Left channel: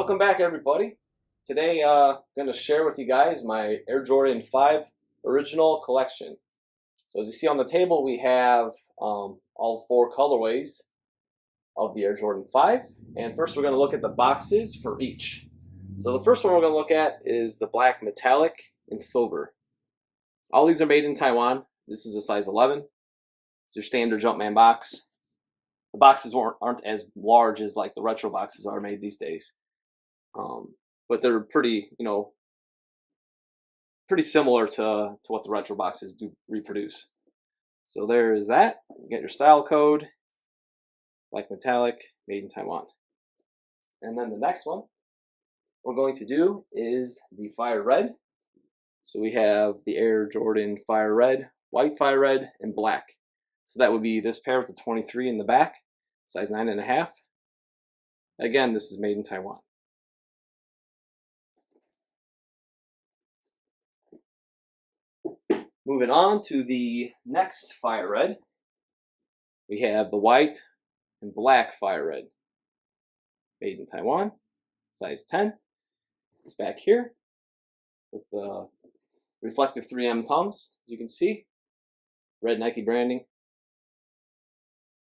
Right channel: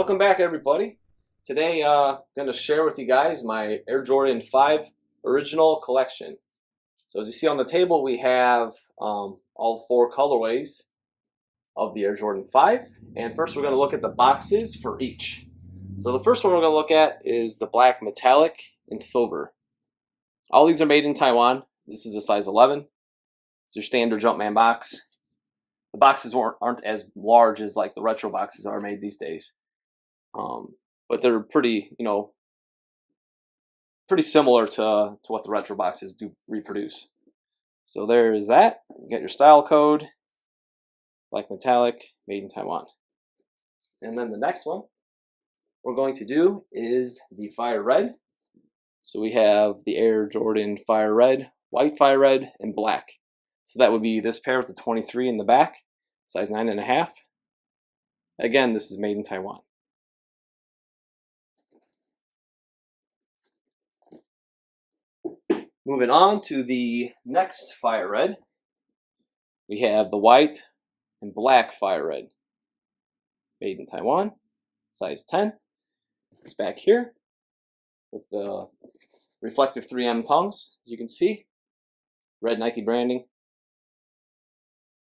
Welcome back, everybody. Today, I'm going to share with you guys my Air Jordan 5 original collection. So as you see on the table, we have all four colorways of the Air Jordan 5. And first we're going to look at the boxes for each. So the first one we're going to look at is the black metallic and silver. All these are made in Taiwan. This is a size 11. It's your standard Jumpman box. The boxes aren't as large as like the retro boxes are made these days. But they're pretty, pretty similar to what the retro boxes do reproduce. So there is that. You get your style code, black metallic, made in Taiwan. And then the next one we're going to do is the fire red. So we have the Air Jordan fire red, white fire red, and black. So that would be this pair with the 23 in the back, size 9.5. Again, this is made in Taiwan. Moving on to the next fire red, we have the white and black fire red, made in Taiwan, size 10. It's back here with the reflective 3M tongues, as you can see, red Nike branding.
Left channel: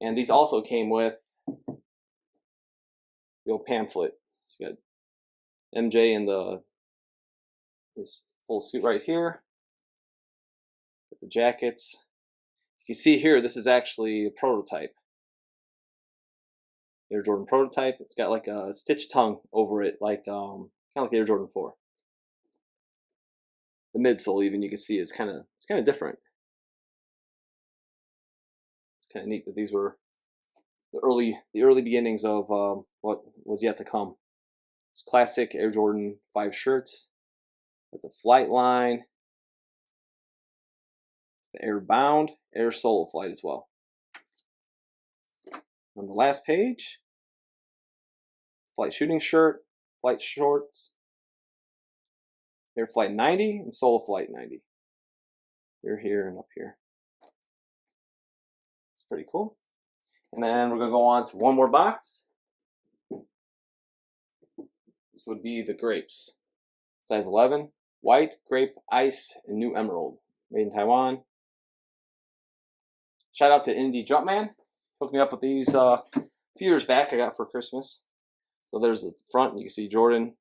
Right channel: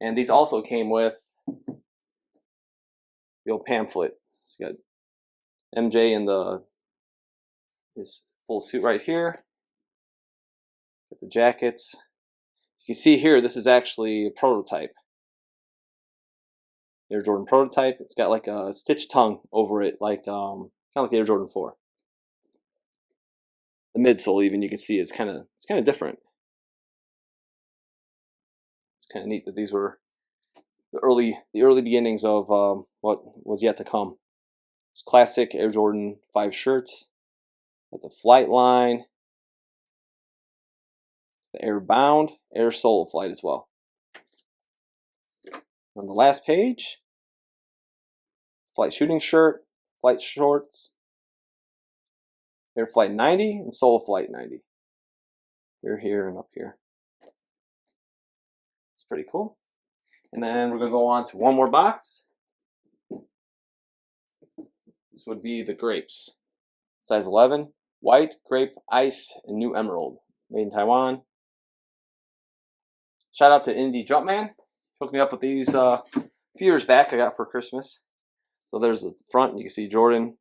And these also came with the old pamphlet. So you got MJ in his full suit right here. With the jackets. You can see here, this is actually a prototype. Air Jordan prototype. It's got like a stitched tongue over it, like kind of like the Air Jordan 4. The midsole, even you can see, it's kind of different. It's kind of neat that these were the early beginnings of what was yet to come. It's classic Air Jordan 5 shirts with the flight line. The Air Bound, Air Solo Flight as well. On the last page, flight shooting shirt, flight shorts, Air Flight 90 and Solo Flight 90. Here and up here. It's pretty cool. And then we're going to go on to one more box. This would be the grapes. Size 11, white, grape, ice, and new emerald. Made in Taiwan. Shout out to Indie Jumpman. Hooked me up with these a few years back I got for Christmas. So there's the front. You can see Jordan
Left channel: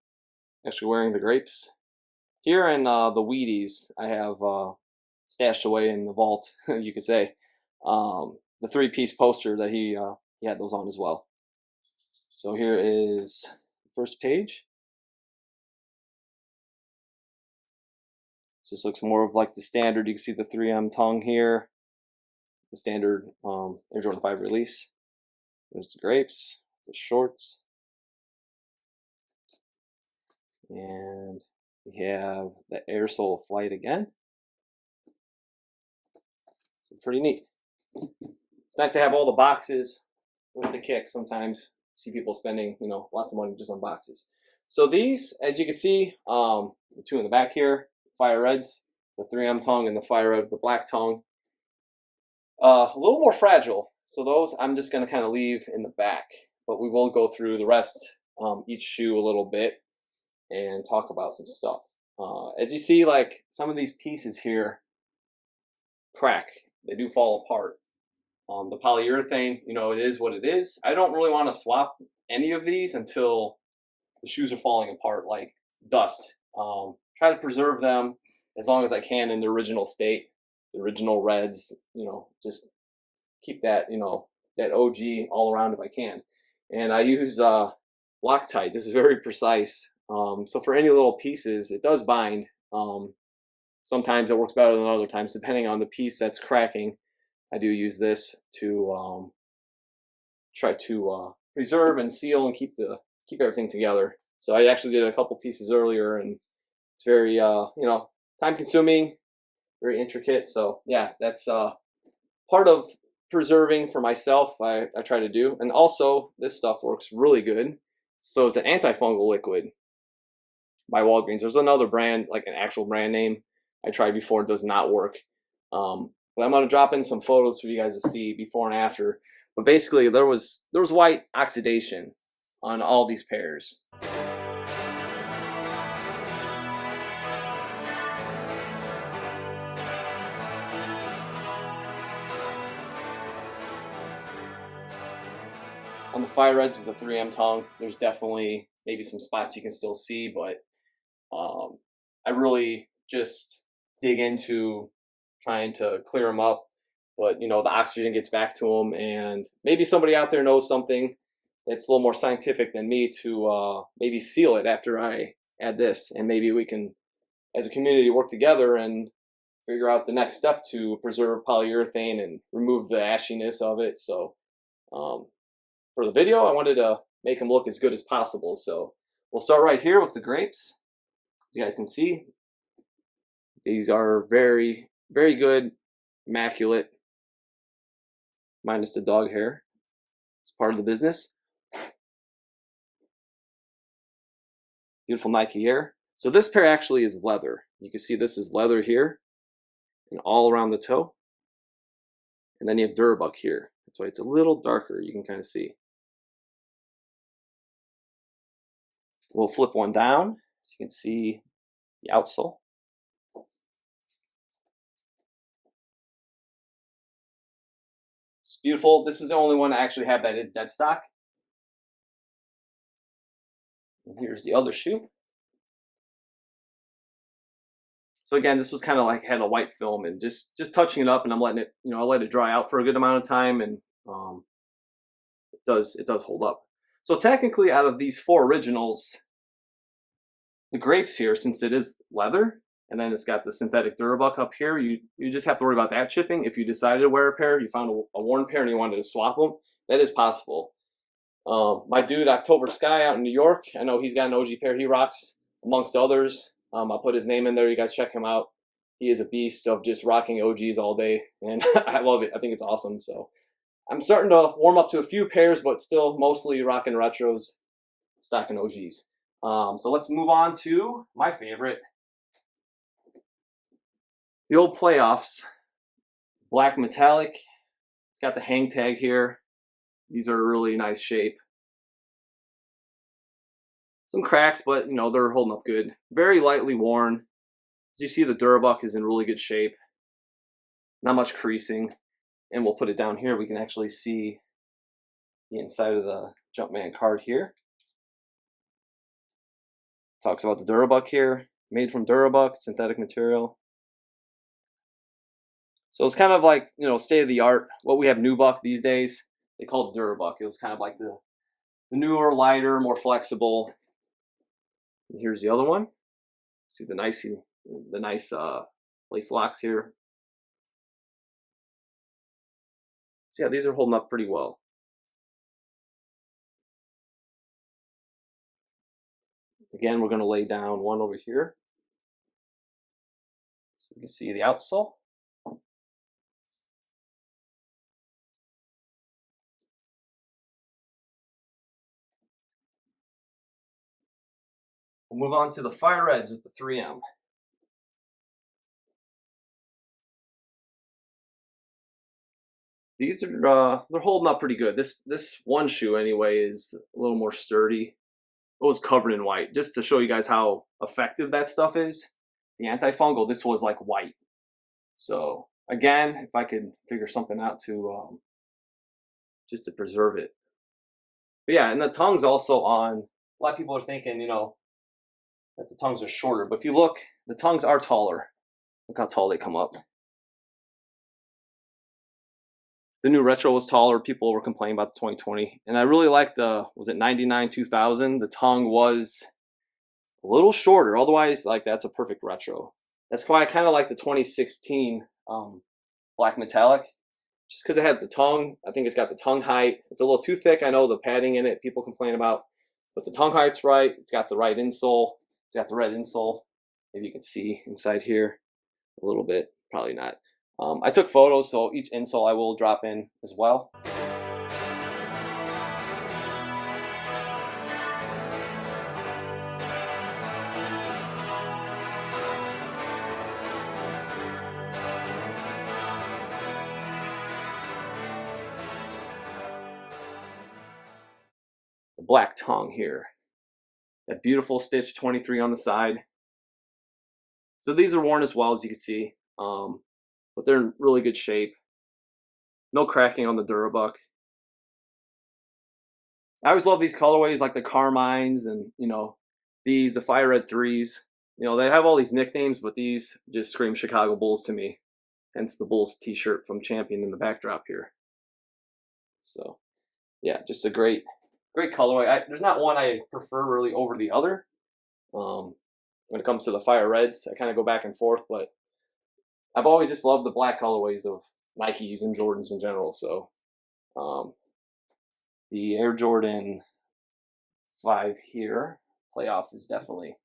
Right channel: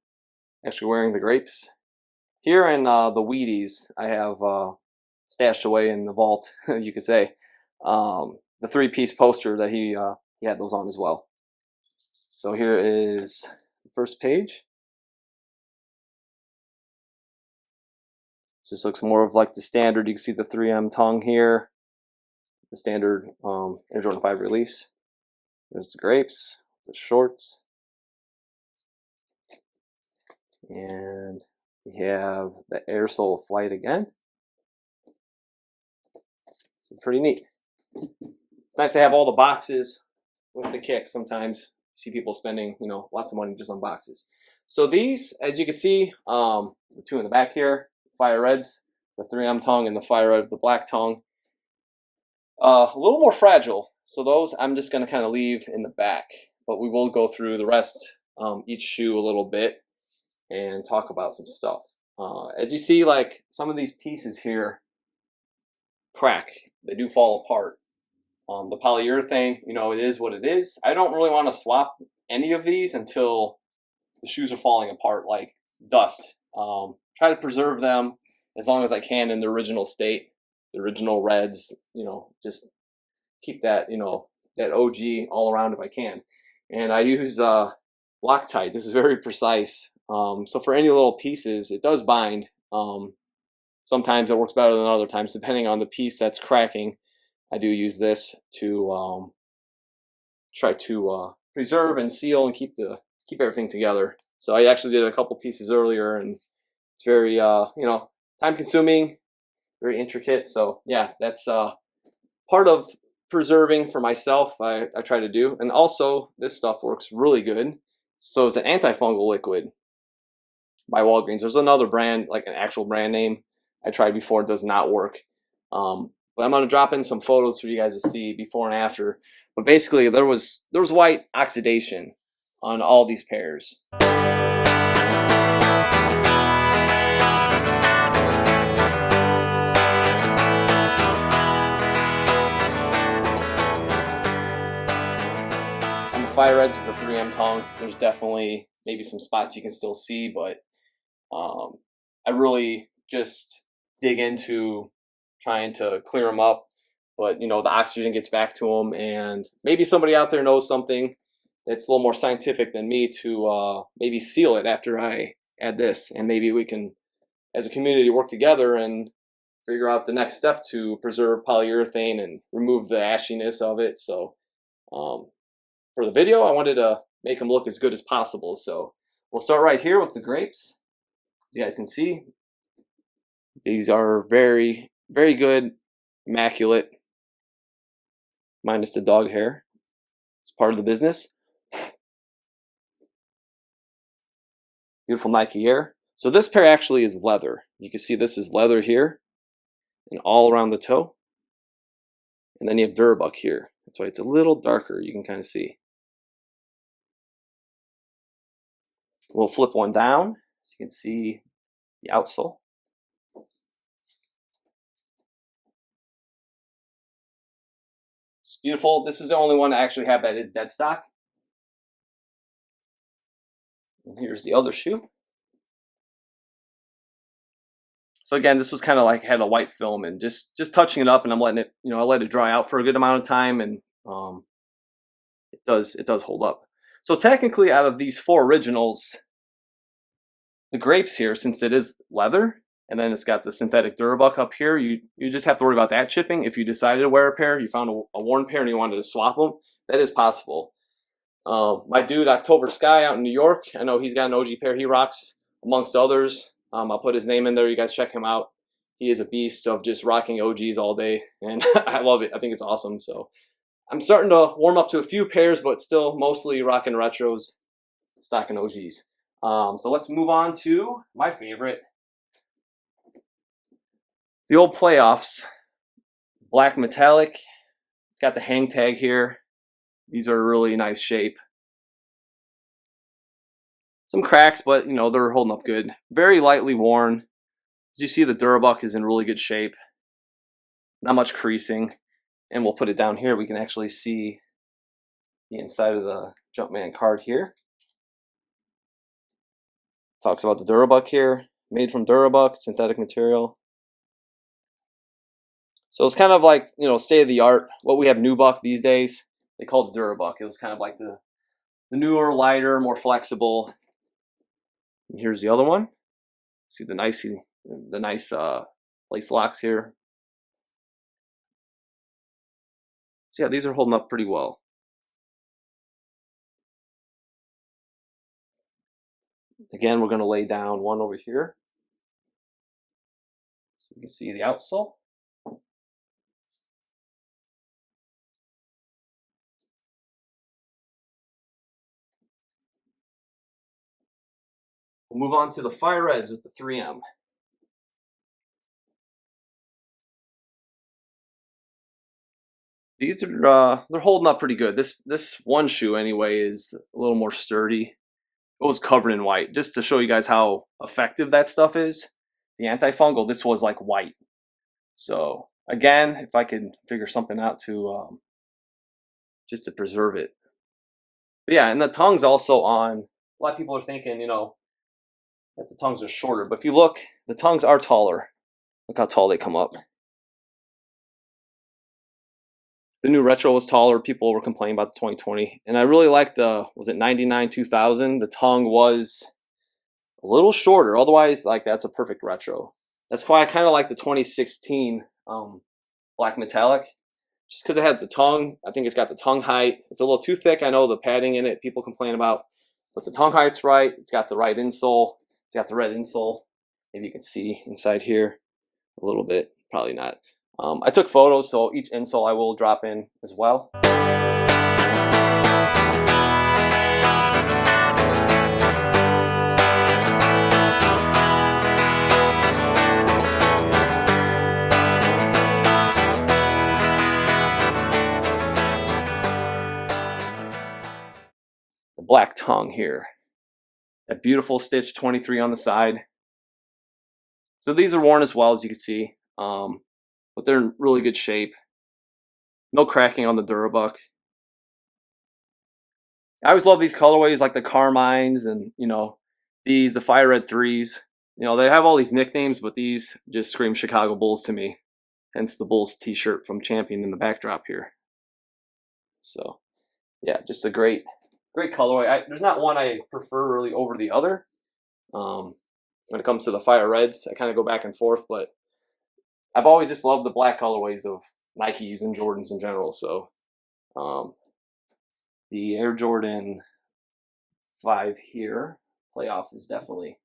actually wearing the grapes. Here in the Wheaties, I have stashed away in the vault, you could say, the 3-piece poster that he had those on as well. So here is the first page. This looks more of like the standard. You can see the 3M tongue here. The standard Air Jordan 5 release. There's the grapes, the shorts, and we have the Air Solo Flight again. So pretty neat. It's nice to have all the boxes with the kick. Sometimes you see people spending, lots of money just on boxes. So these, as you can see, the two in the back here, fire reds, the 3M tongue and the fire red with the black tongue. A little more fragile, so those I'm just going to kind of leave in the back, but we will go through the rest, each shoe a little bit, and talk about some stuff. As you see, like some of these pieces here crack, they do fall apart. The polyurethane, it is what it is. I don't really want to swap any of these until the shoes are falling apart like dust. Try to preserve them as long as I can in the original state. The original reds, just keep that, that OG all around if I can. And I use Loctite. This is very precise. So for any little pieces, it does bind. Sometimes it works better than other times, depending on the piece that's cracking. I do use this to try to preserve and seal and keep everything together. So I actually did a couple pieces earlier, and it's very time consuming. Very intricate, so yeah, that's part of preserving for myself. I try to do, and also this stuff works really good. So it's an antifungal liquid by Walgreens. There's another brand, like an actual brand name, I tried before. It does not work, but I'm gonna drop in some photos for you guys to see before and after. But basically, there was white oxidation on all these pairs. fire edge of the 3M tongue. There's definitely maybe some spots you can still see, but I really just dig into trying to clear them up. But the oxygen gets back to them, and maybe somebody out there knows something that's a little more scientific than me to maybe seal it after I add this, and maybe we can, as a community, work together and figure out the next step to preserve polyurethane and remove the ashiness of it. So for the video, I wanted to make them look as good as possible. So we'll start right here with the grapes. As you guys can see, these are very, very good, immaculate, minus the dog hair. It's part of the business. Beautiful Nike Air. So this pair actually is leather. You can see this is leather here and all around the toe. And then you have Durabuck here. That's why it's a little darker. You can kind of see. We'll flip one down so you can see the outsole. It's beautiful. This is the only one I actually have that is dead stock. And here's the other shoe. So again, this was kind of like had a white film, and just touching it up, and I'm letting it, I let it dry out for a good amount of time, and it does hold up. So technically, out of these 4 originals, the grapes here, since it is leather, and then it's got the synthetic Durabuck up here, you just have to worry about that chipping. If you decided to wear a pair, you found a worn pair and you wanted to swap them, that is possible. My dude October Sky out in New York, I know he's got an OG pair he rocks amongst others. I'll put his name in there. You guys check him out. He is a beast of just rocking OGs all day, and I love it. I think it's awesome. So I'm starting to warm up to a few pairs, but still mostly rocking retros, stocking OGs. So let's move on to my favorite, the old Playoffs, black metallic. It's got the hang tag here. These are really nice shape. Some cracks, but they're holding up good. Very lightly worn. As you see, the Durabuck is in really good shape. Not much creasing. And we'll put it down here. We can actually see the inside of the Jumpman card here. Talks about the Durabuck here. Made from Durabuck, synthetic material. So it's kind of like, state of the art. What we have nubuck these days, they call it Durabuck. It was kind of like the newer, lighter, more flexible. And here's the other one. See the nice lace locks here. So yeah, these are holding up pretty well. Again, we're going to lay down one over here so you can see the outsole. We'll move on to the fire reds with the 3M. These are they're holding up pretty good. This one shoe anyway is a little more sturdy. It was covered in white, just to show you guys how effective that stuff is. The antifungal, this was like white. So again, if I could figure something out to just to preserve it. But yeah, and the tongue's also on. A lot of people are thinking, that the tongues are shorter, but if you look, the tongues are taller. Look how tall they come up. The new retro was taller. People were complaining about the 2020, and I really like the, was it 99 2000? The tongue was a little shorter. Otherwise, like, that's a perfect retro. That's why I kind of like the 2016 black metallic, just because it has the tongue. I think it's got the tongue height. It's a little too thick. I know the padding in it people complain about, but the tongue height's right. It's got the right insole. It's got the red insole. Maybe you can see inside here a little bit. Probably not. I took photos, so each insole I will drop in as well. The black tongue here. That beautiful stitch 23 on the side. So these are worn as well, as you can see. But they're in really good shape. No cracking on the Durabuck. I always love these colorways like the Carmines and, you know, these, the Fire Red 3s. You know, they have all these nicknames, but these just scream Chicago Bulls to me. Hence the Bulls t-shirt from Champion in the backdrop here. So, yeah, just a great colorway. There's not one I prefer really over the other. When it comes to the Fire Reds, I kind of go back and forth, but I've always just loved the black colorways of Nikes and Jordans in general. So, the Air Jordan 5 here, playoff, is definitely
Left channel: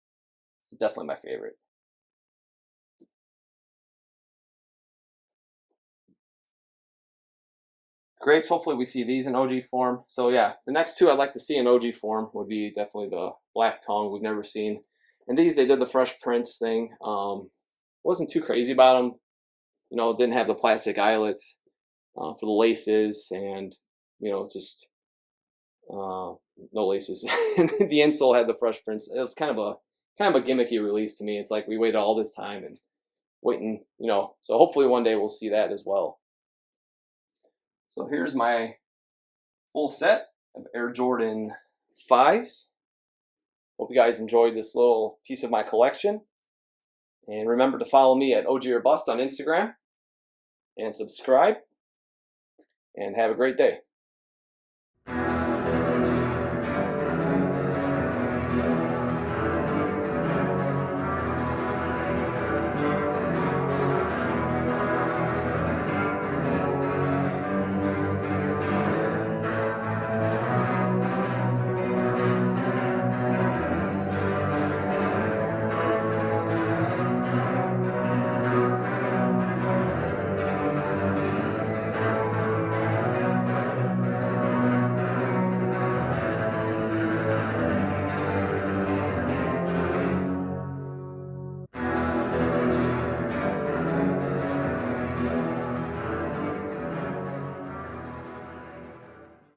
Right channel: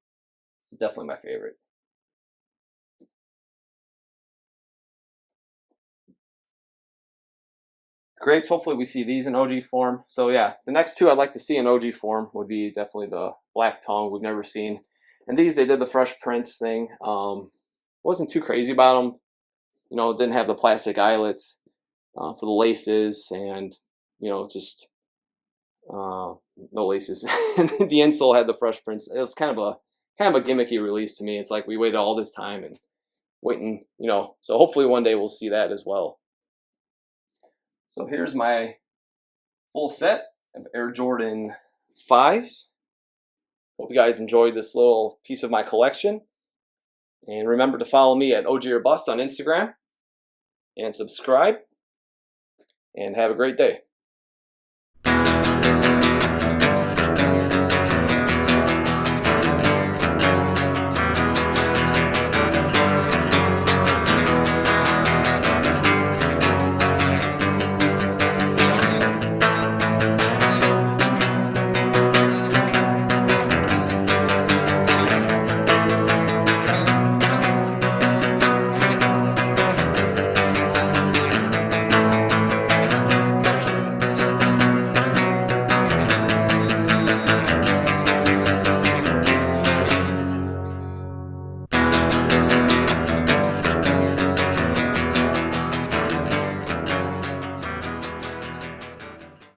my favorite. Grapes, hopefully we see these in OG form. So yeah, the next two I'd like to see in OG form would be definitely the Black Tongue we've never seen. And these, they did the Fresh Prince thing. Wasn't too crazy about them. You know, it didn't have the plastic eyelets for the laces, and you know, just no laces. And the insole had the Fresh Prince. It was kind of a gimmicky release to me. It's like we waited all this time and waiting, you know. So hopefully one day we'll see that as well. So here's my full set of Air Jordan 5s. Hope you guys enjoyed this little piece of my collection. And remember to follow me at OG or Bust on Instagram. And subscribe. And have a great day.